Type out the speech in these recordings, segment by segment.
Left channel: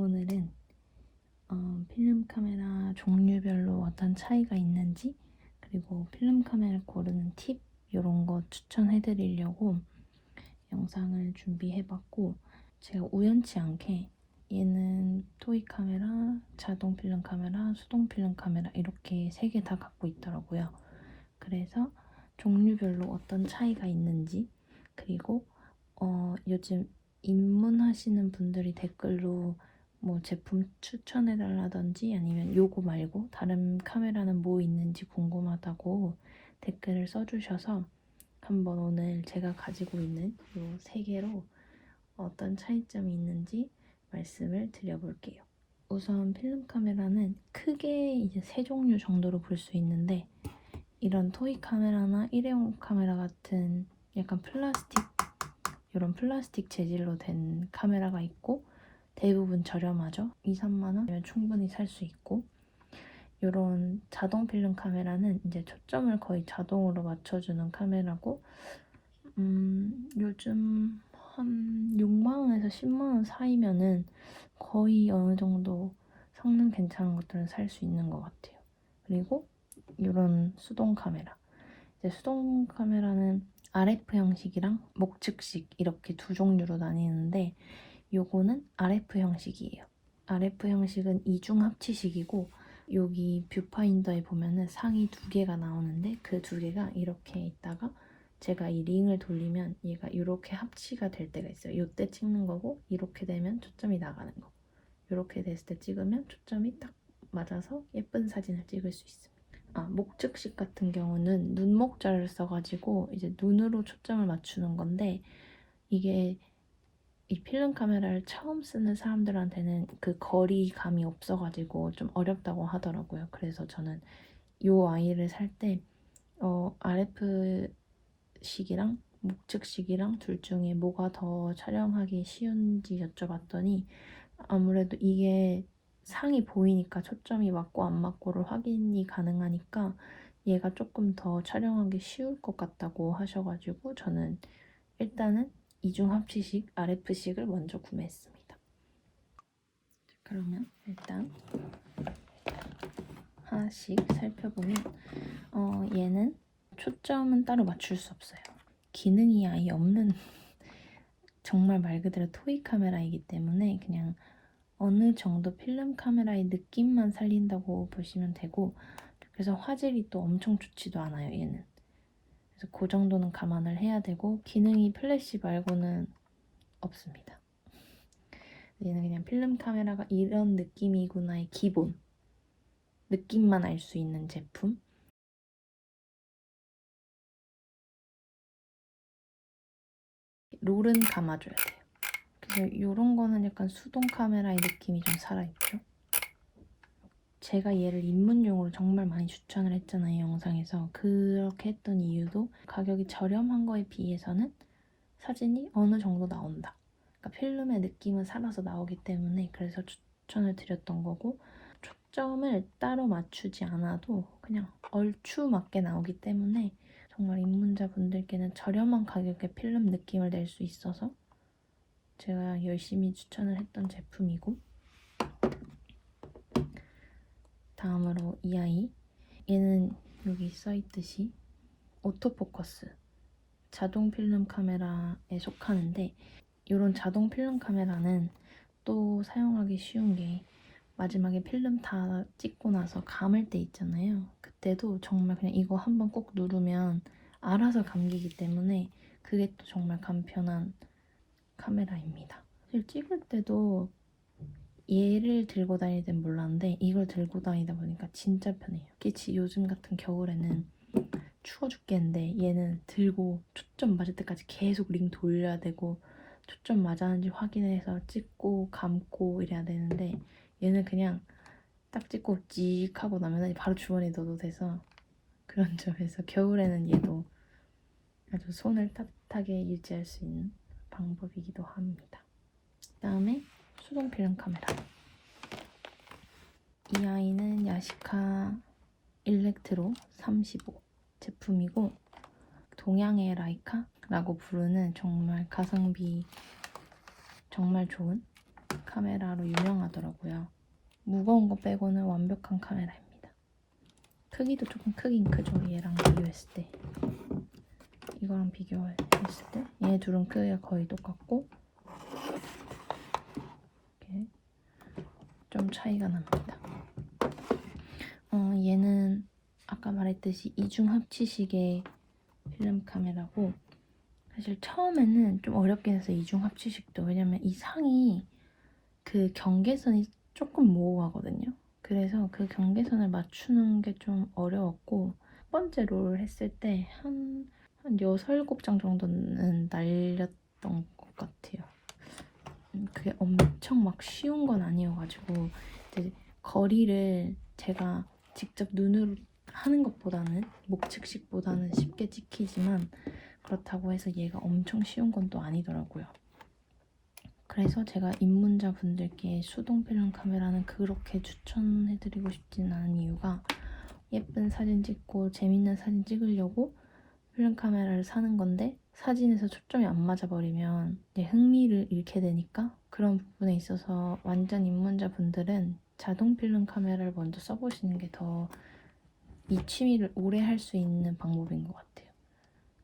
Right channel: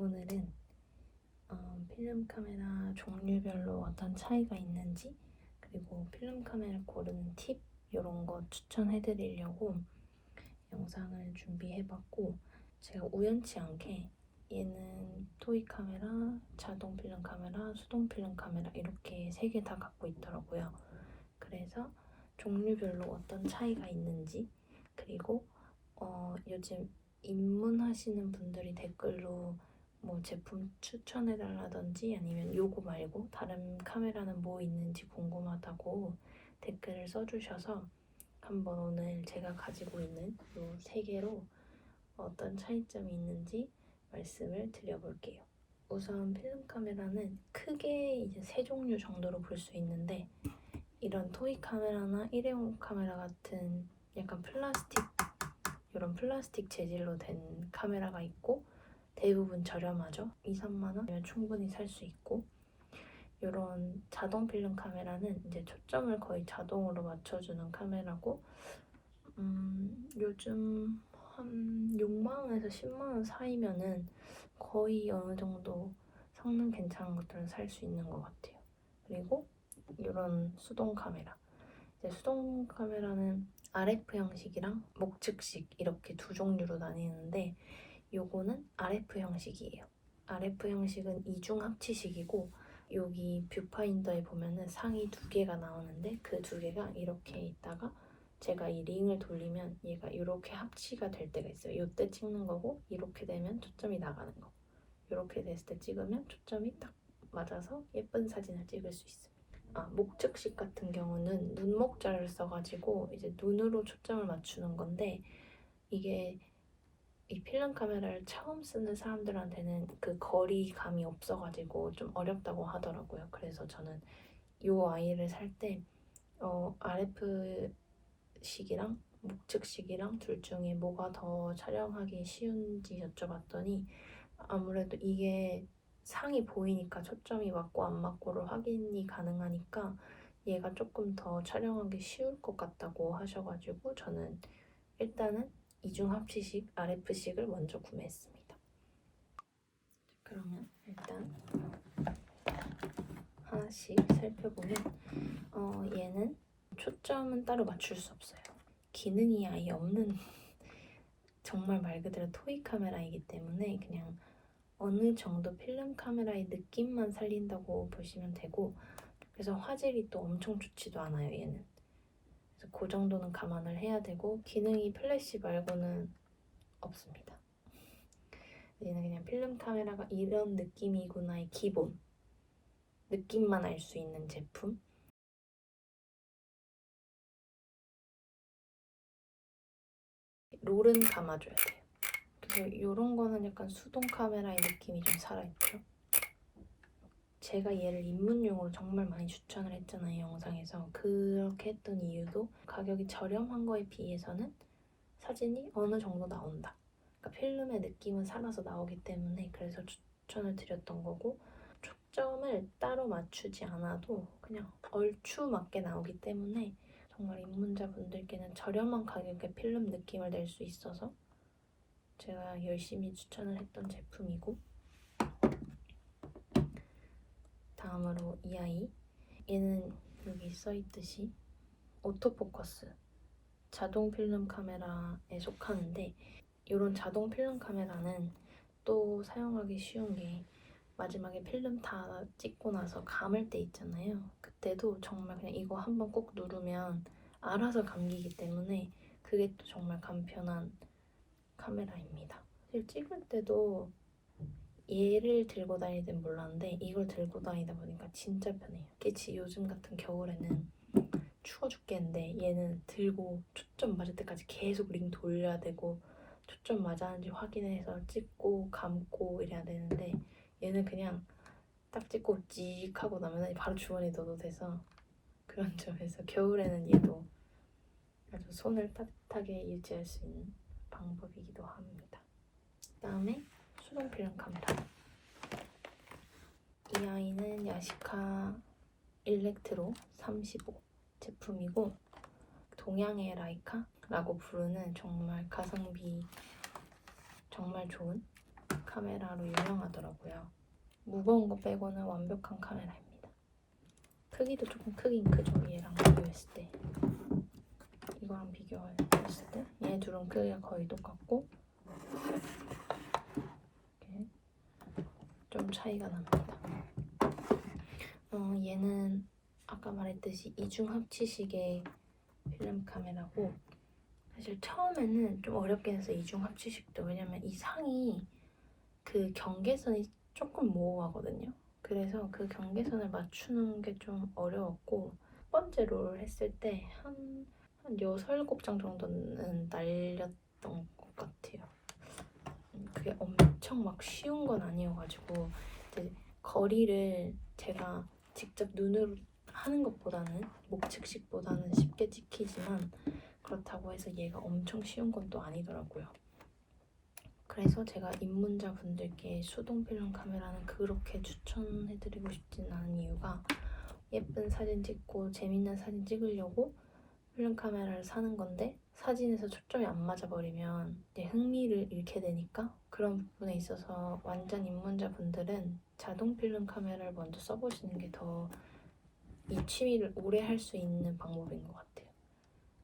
오늘은 필름 카메라 종류별로 어떤 차이가 있는지, 그리고 필름 카메라 고르는 팁 이런 거 추천해드리려고 영상을 준비해봤고, 제가 우연치 않게 얘는 토이 카메라, 자동 필름 카메라, 수동 필름 카메라 이렇게 3개 다 갖고 있더라고요. 그래서 종류별로 어떤 차이가 있는지, 그리고 요즘 입문하시는 분들이 댓글로 뭐 제품 추천해달라든지 아니면 요거 말고 다른 카메라는 뭐 있는지 궁금하다고 댓글을 써주셔서 한번 오늘 제가 가지고 있는 요 3개로 어떤 차이점이 있는지 말씀을 드려볼게요. 우선 필름 카메라는 크게 이제 3종류 정도로 볼 수 있는데, 이런 토이 카메라나 일회용 카메라 같은 약간 이런 플라스틱 재질로 된 카메라가 있고, 대부분 저렴하죠. 2, 3만 원이면 충분히 살 수 있고, 이런 자동 필름 카메라는 이제 초점을 거의 자동으로 맞춰주는 카메라고, 요즘 한 6만 원에서 10만 원 사이면은 거의 어느 정도 성능 괜찮은 것들은 살 수 있는 것 같아요. 그리고 이런 수동 카메라. 이제 수동 카메라는 RF 형식이랑 목측식 이렇게 두 종류로 나뉘는데, 요거는 RF 형식이에요. RF 형식은 이중 합치식이고, 여기 뷰파인더에 보면은 상이 2개가 나오는데 그 2개가 이렇게 있다가 제가 이 링을 돌리면 얘가 이렇게 합치가 될 때가 있어요. 요때 찍는 거고, 이렇게 되면 초점이 나가는 거. 이렇게 됐을 때 찍으면 초점이 딱 맞아서 예쁜 사진을 찍을 수 있습니다. 목측식 같은 경우는 눈목자를 써가지고 이제 눈으로 초점을 맞추는 건데, 이게 이 필름 카메라를 처음 쓰는 사람들한테는 그 거리감이 없어가지고 좀 어렵다고 하더라고요. 그래서 저는 이 아이를 살 때 RF식이랑 목측식이랑 둘 중에 뭐가 더 촬영하기 쉬운지 여쭤봤더니, 아무래도 이게 상이 보이니까 초점이 맞고 안 맞고를 확인이 가능하니까 얘가 조금 더 촬영하기 쉬울 것 같다고 하셔가지고 저는 일단은 이중 합치식 RF식을 먼저 구매했습니다. 그러면 일단 하나씩 살펴보면 얘는 초점은 따로 맞출 수 없어요. 기능이 아예 없는 정말 말 그대로 토이 카메라이기 때문에 그냥 어느 정도 필름 카메라의 느낌만 살린다고 보시면 되고, 그래서 화질이 또 엄청 좋지도 않아요, 얘는. 그래서 그 정도는 감안을 해야 되고, 기능이 플래시 말고는 없습니다. 얘는 그냥 필름 카메라가 이런 느낌이구나의 기본 느낌만 알 수 있는 제품. 롤은 감아줘야 돼요. 그래서 이런 거는 약간 수동 카메라의 느낌이 좀 살아있죠. 제가 얘를 입문용으로 정말 많이 추천을 했잖아요, 영상에서. 그렇게 했던 이유도 가격이 저렴한 거에 비해서는 사진이 어느 정도 나온다. 그러니까 필름의 느낌은 살아서 나오기 때문에 그래서 추천을 드렸던 거고, 초점을 따로 맞추지 않아도 그냥 얼추 맞게 나오기 때문에 정말 입문자분들께는 저렴한 가격에 필름 느낌을 낼 수 있어서 제가 열심히 추천을 했던 제품이고, 다음으로 이 아이. 얘는 여기 써있듯이 오토포커스 자동 필름 카메라에 속하는데, 이런 자동 필름 카메라는 또 사용하기 쉬운 게, 마지막에 필름 다 찍고 나서 감을 때 있잖아요. 그때도 정말 그냥 이거 한번 꼭 누르면 알아서 감기기 때문에 그게 또 정말 간편한 카메라입니다. 사실 찍을 때도 얘를 들고 다닐 땐 몰랐는데 이걸 들고 다니다 보니까 진짜 편해요. 특히 요즘 같은 겨울에는 추워 죽겠는데 얘는 들고 초점 맞을 때까지 계속 링 돌려야 되고, 초점 맞았는지 확인해서 찍고 감고 이래야 되는데, 얘는 그냥 딱 찍고 찍 하고 나면 바로 주머니에 넣어도 돼서, 그런 점에서 겨울에는 얘도 아주 손을 따뜻하게 유지할 수 있는 방법이기도 합니다. 그다음에 수동 필름 카메라. 이 아이는 야시카 일렉트로 35 제품이고, 동양의 라이카라고 부르는 정말 가성비 정말 좋은 카메라로 유명하다. 나더라고요. 무거운 거 빼고는 완벽한 카메라입니다. 크기도 조금 크긴 크죠. 얘랑 비교했을 때. 이거랑 비교했을 때 얘 둘은 크기가 거의 똑같고 이렇게 좀 차이가 납니다. 얘는 아까 말했듯이 이중 합치식의 필름 카메라고 사실 처음에는 좀 어렵긴 해서 이중 합치식도 왜냐면 이 상이 그 경계선이 조금 모호하거든요. 그래서 그 경계선을 맞추는 게 좀 어려웠고 첫 번째 롤을 했을 때 한 6, 7장 정도는 날렸던 것 같아요. 그게 엄청 막 쉬운 건 아니어가지고 이제 거리를 제가 직접 눈으로 하는 것보다는 목측식보다는 쉽게 찍히지만 그렇다고 해서 얘가 엄청 쉬운 건 또 아니더라고요. 그래서 제가 입문자 분들께 수동 필름 카메라는 그렇게 추천해드리고 싶진 않은 이유가 예쁜 사진 찍고 재밌는 사진 찍으려고 필름 카메라를 사는 건데 사진에서 초점이 안 맞아버리면 이제 흥미를 잃게 되니까 그런 부분에 있어서 완전 입문자 분들은 자동 필름 카메라를 먼저 써보시는 게 더 이 취미를 오래 할 수 있는 방법인 것 같아요.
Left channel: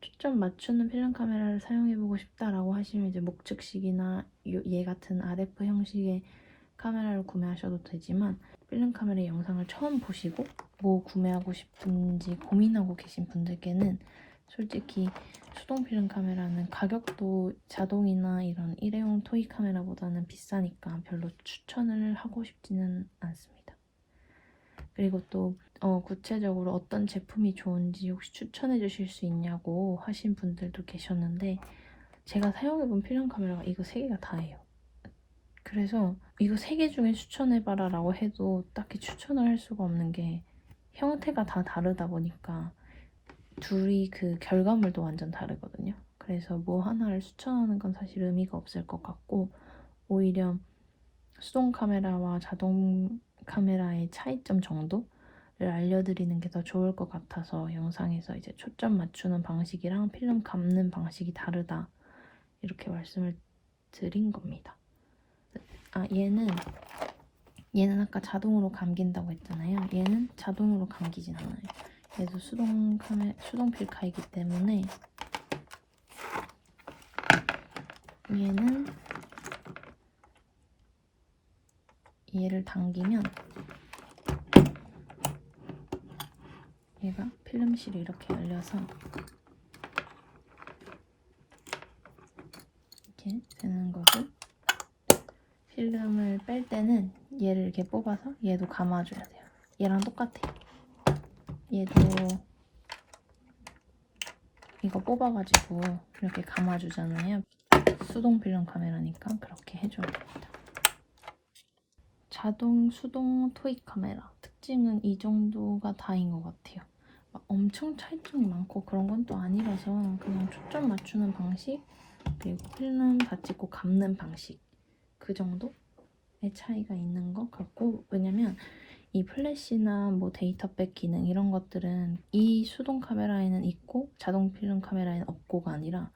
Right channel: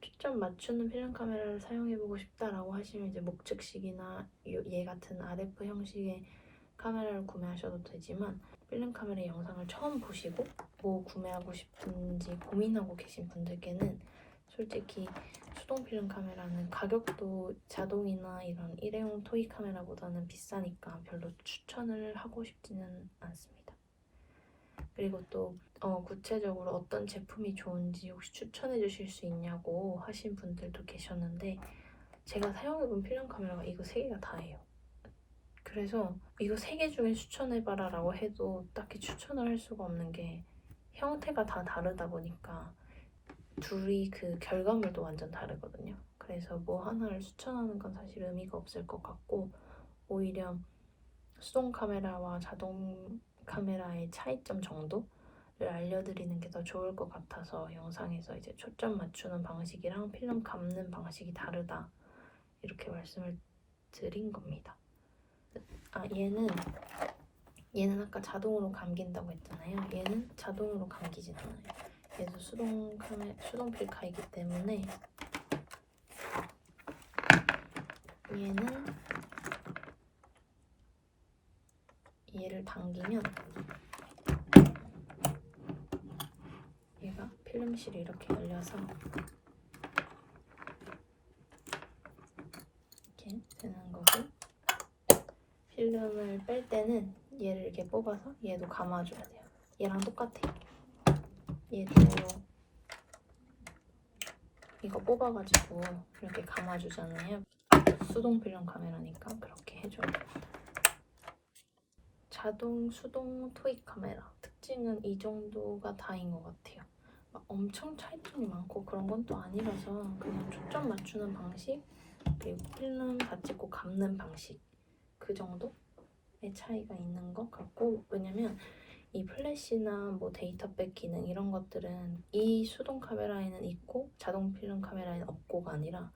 초점 맞추는 필름 카메라를 사용해보고 싶다라고 하시면 이제 목측식이나 얘 같은 RF 형식의 카메라를 구매하셔도 되지만 필름 카메라 영상을 처음 보시고 뭐 구매하고 싶은지 고민하고 계신 분들께는 솔직히 수동 필름 카메라는 가격도 자동이나 이런 일회용 토이 카메라보다는 비싸니까 별로 추천을 하고 싶지는 않습니다. 그리고 또 구체적으로 어떤 제품이 좋은지 혹시 추천해 주실 수 있냐고 하신 분들도 계셨는데 제가 사용해본 필름 카메라가 이거 3개가 다예요. 그래서 이거 3개 중에 추천해봐라 라고 해도 딱히 추천을 할 수가 없는 게 형태가 다 다르다 보니까 둘이 그 결과물도 완전 다르거든요. 그래서 뭐 하나를 추천하는 건 사실 의미가 없을 것 같고 오히려 수동 카메라와 자동 카메라의 차이점 정도를 알려드리는 게 더 좋을 것 같아서 영상에서 이제 초점 맞추는 방식이랑 필름 감는 방식이 다르다 이렇게 말씀을 드린 겁니다. 얘는 아까 자동으로 감긴다고 했잖아요. 얘는 자동으로 감기진 않아요. 얘도 수동 필카이기 때문에 얘를 당기면 얘가 필름실이 이렇게 열려서 이렇게 되는 거고 필름을 뺄 때는 얘를 이렇게 뽑아서 얘도 감아줘야 돼요. 얘랑 똑같아요. 얘도 이거 뽑아가지고 이렇게 감아주잖아요. 수동 필름 카메라니까 그렇게 해줘야 됩니다. 자동, 수동, 토익 카메라 특징은 이 정도가 다인 것 같아요. 막 엄청 차이점이 많고 그런 건 또 아니라서 그냥 초점 맞추는 방식 그리고 필름 다 찍고 감는 방식 그 정도의 차이가 있는 것 같고 왜냐면 이 플래시나 뭐 데이터백 기능 이런 것들은 이 수동 카메라에는 있고 자동 필름 카메라에는 없고가 아니라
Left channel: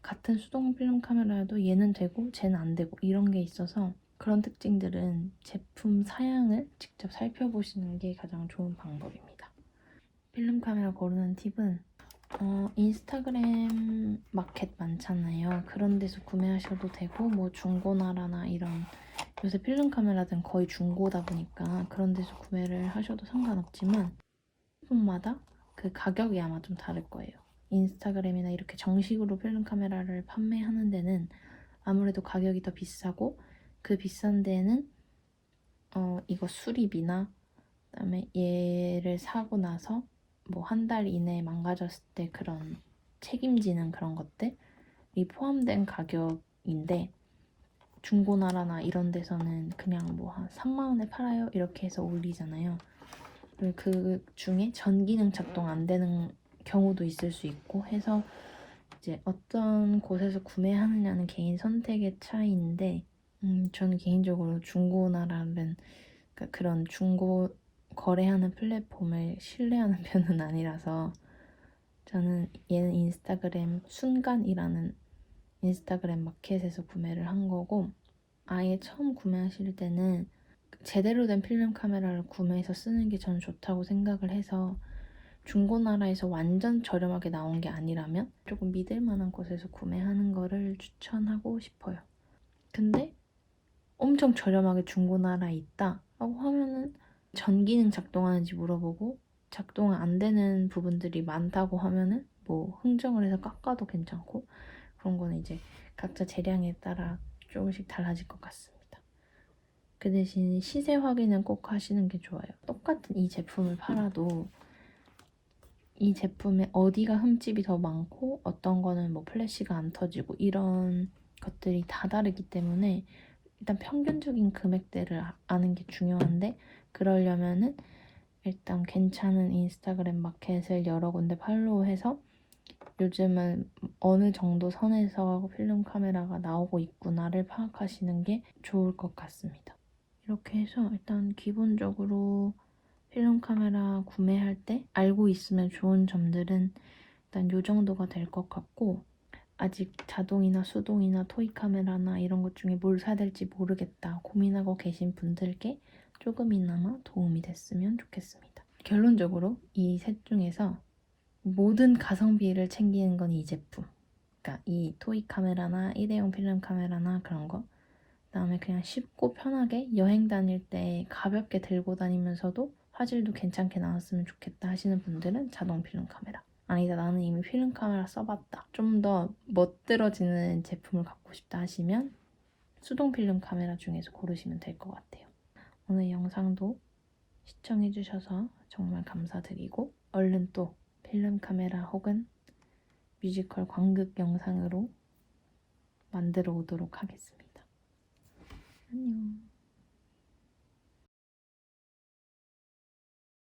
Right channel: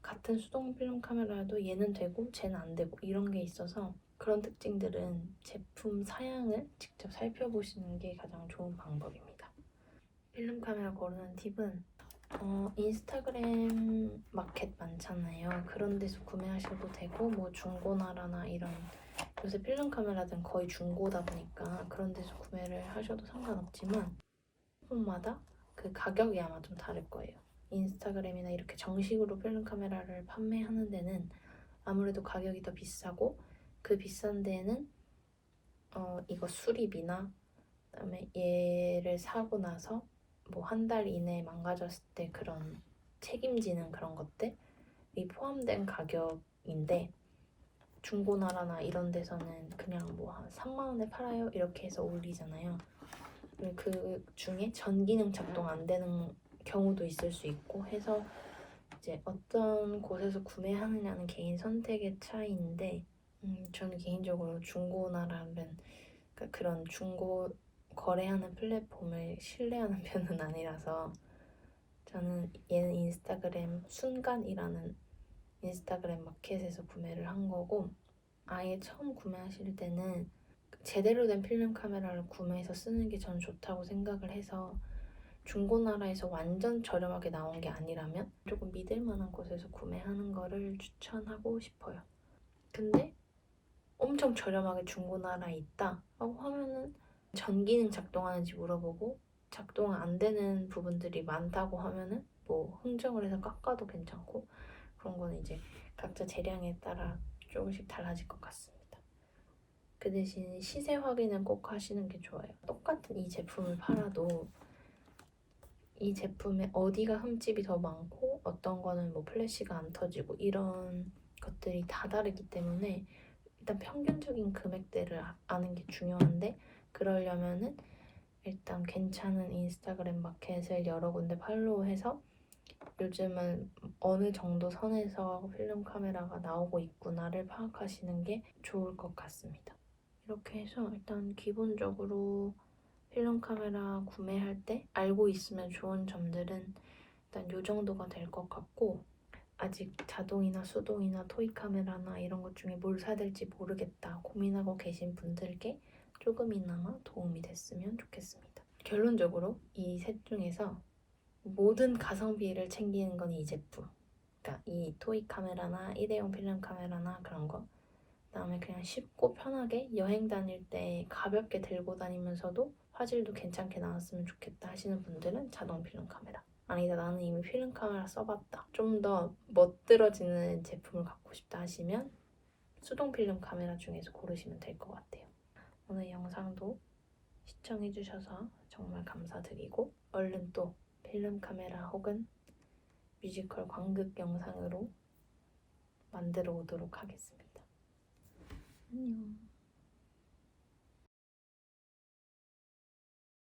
같은 수동 필름 카메라여도 얘는 되고 쟤는 안 되고 이런 게 있어서 그런 특징들은 제품 사양을 직접 살펴보시는 게 가장 좋은 방법입니다. 필름 카메라 고르는 팁은 인스타그램 마켓 많잖아요. 그런 데서 구매하셔도 되고 뭐 중고나라나 이런 요새 필름 카메라들은 거의 중고다 보니까 그런 데서 구매를 하셔도 상관없지만 제품마다 그 가격이 아마 좀 다를 거예요. 인스타그램이나 이렇게 정식으로 필름 카메라를 판매하는 데는 아무래도 가격이 더 비싸고 그 비싼 데는 이거 수리비나 그다음에 얘를 사고 나서 뭐 한 달 이내에 망가졌을 때 그런 책임지는 그런 것들이 포함된 가격인데 중고나라나 이런 데서는 그냥 뭐 한 3만 원에 팔아요 이렇게 해서 올리잖아요. 그리고 그 중에 전기능 작동 안 되는 경우도 있을 수 있고 해서 이제 어떤 곳에서 구매하느냐는 개인 선택의 차이인데 저는 개인적으로 중고나라는 그런 중고 거래하는 플랫폼을 신뢰하는 편은 아니라서 저는 얘는 인스타그램 순간이라는 인스타그램 마켓에서 구매를 한 거고 아예 처음 구매하실 때는 제대로 된 필름 카메라를 구매해서 쓰는 게 저는 좋다고 생각을 해서 중고나라에서 완전 저렴하게 나온 게 아니라면 조금 믿을 만한 곳에서 구매하는 거를 추천하고 싶어요. 근데 엄청 저렴하게 중고나라에 있다 라고 하면은 전기는 작동하는지 물어보고 작동 안 되는 부분들이 많다고 하면은 뭐 흥정을 해서 깎아도 괜찮고, 그런 거는 이제 각자 재량에 따라 조금씩 달라질 것 같습니다. 그 대신 시세 확인은 꼭 하시는 게 좋아요. 똑같은 이 제품을 팔아도 이 제품에 어디가 흠집이 더 많고 어떤 거는 뭐 플래시가 안 터지고 이런 것들이 다 다르기 때문에 일단 평균적인 금액대를 아는 게 중요한데, 그러려면은 일단 괜찮은 인스타그램 마켓을 여러 군데 팔로우해서 요즘은 어느 정도 선에서 필름 카메라가 나오고 있구나를 파악하시는 게 좋을 것 같습니다. 이렇게 해서 일단 기본적으로 필름 카메라 구매할 때 알고 있으면 좋은 점들은 일단 요 정도가 될 것 같고, 아직 자동이나 수동이나 토이 카메라나 이런 것 중에 뭘 사야 될지 모르겠다 고민하고 계신 분들께 조금이나마 도움이 됐으면 좋겠습니다. 결론적으로 이 셋 중에서 모든 가성비를 챙기는 건 이 제품. 그러니까 이 토이 카메라나 일회용 필름 카메라나 그런 거. 그다음에 그냥 쉽고 편하게 여행 다닐 때 가볍게 들고 다니면서도 화질도 괜찮게 나왔으면 좋겠다 하시는 분들은 자동 필름 카메라. 아니다, 나는 이미 필름 카메라 써봤다, 좀 더 멋들어지는 제품을 갖고 싶다 하시면 수동 필름 카메라 중에서 고르시면 될 것 같아요. 오늘 영상도 시청해주셔서 정말 감사드리고 얼른 또 필름 카메라 혹은 뮤지컬 광극 영상으로 만들어 오도록 하겠습니다. 안녕.